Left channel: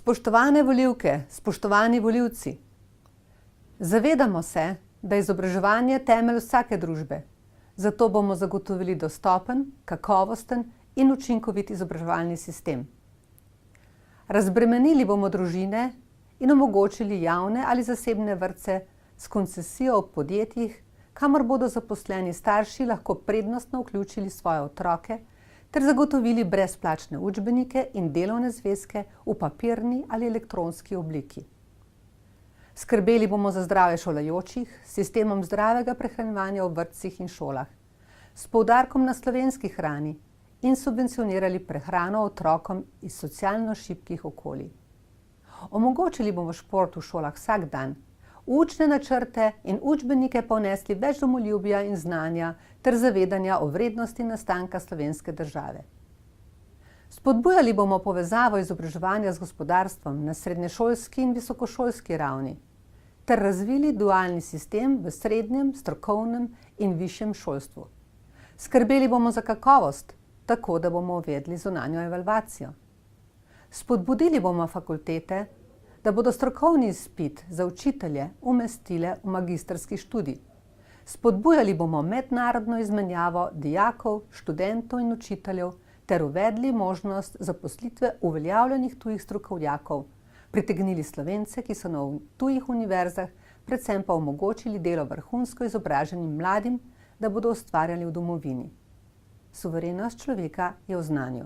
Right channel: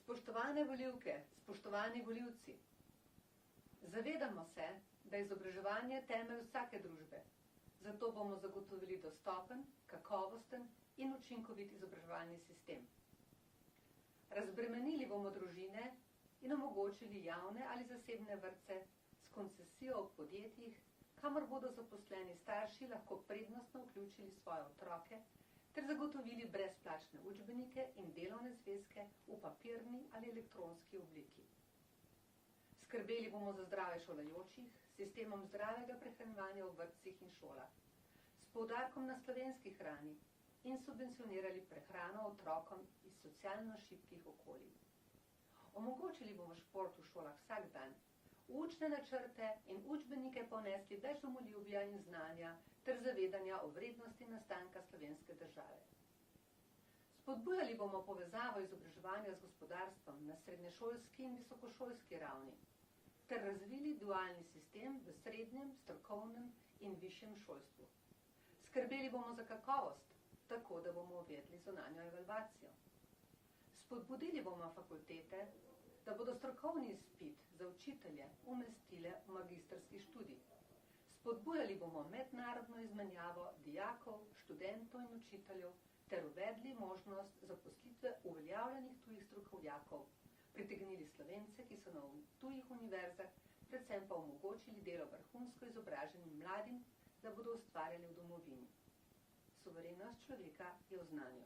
Spoštovane volivke, spoštovani volivci, zavedamo se, da je izobraževanje temelj vsake družbe, zato bomo zagotovili dostopen, kakovosten in učinkovit izobraževalni sistem. Razbremenili bomo družine in omogočili javne ali zasebne vrtce s koncesijo v podjetjih, kamor bodo zaposleni starši lahko prednostno vključili svoje otroke ter zagotovili brezplačne učbenike in delovne zvezke v papirni ali elektronski obliki. Skrbeli bomo za zdravje šolajočih s sistemom zdravega prehranjevanja v vrtcih in šolah, s poudarkom na slovenski hrani in subvencionirali prehrano otrokom iz socialno šibkih okolij. Omogočili bomo šport v šolah vsak dan, učne načrte in učbenike pa vnesli več domoljubja in znanja ter zavedanja o vrednosti nastanka slovenske države. Spodbujali bomo povezavo izobraževanja z gospodarstvom na srednješolski in visokošolski ravni ter razvili dualni sistem v srednjem, strokovnem in višjem šolstvu. Skrbeli bomo za kakovost, tako da bomo uvedli zunanjo evalvacijo. Spodbudili bomo fakultete, da bodo strokovni izpit za učitelje umestile v magistrski študij. Spodbujali bomo mednarodno izmenjavo dijakov, študentov in učiteljev ter uvedli možnost zaposlitve uveljavljenih tujih strokovnjakov, pritegnili Slovence, ki so na tujih univerzah, predvsem pa omogočili delo vrhunsko izobraženim mladim, da bodo ustvarjali v domovini. Suverenost človeka je v znanju.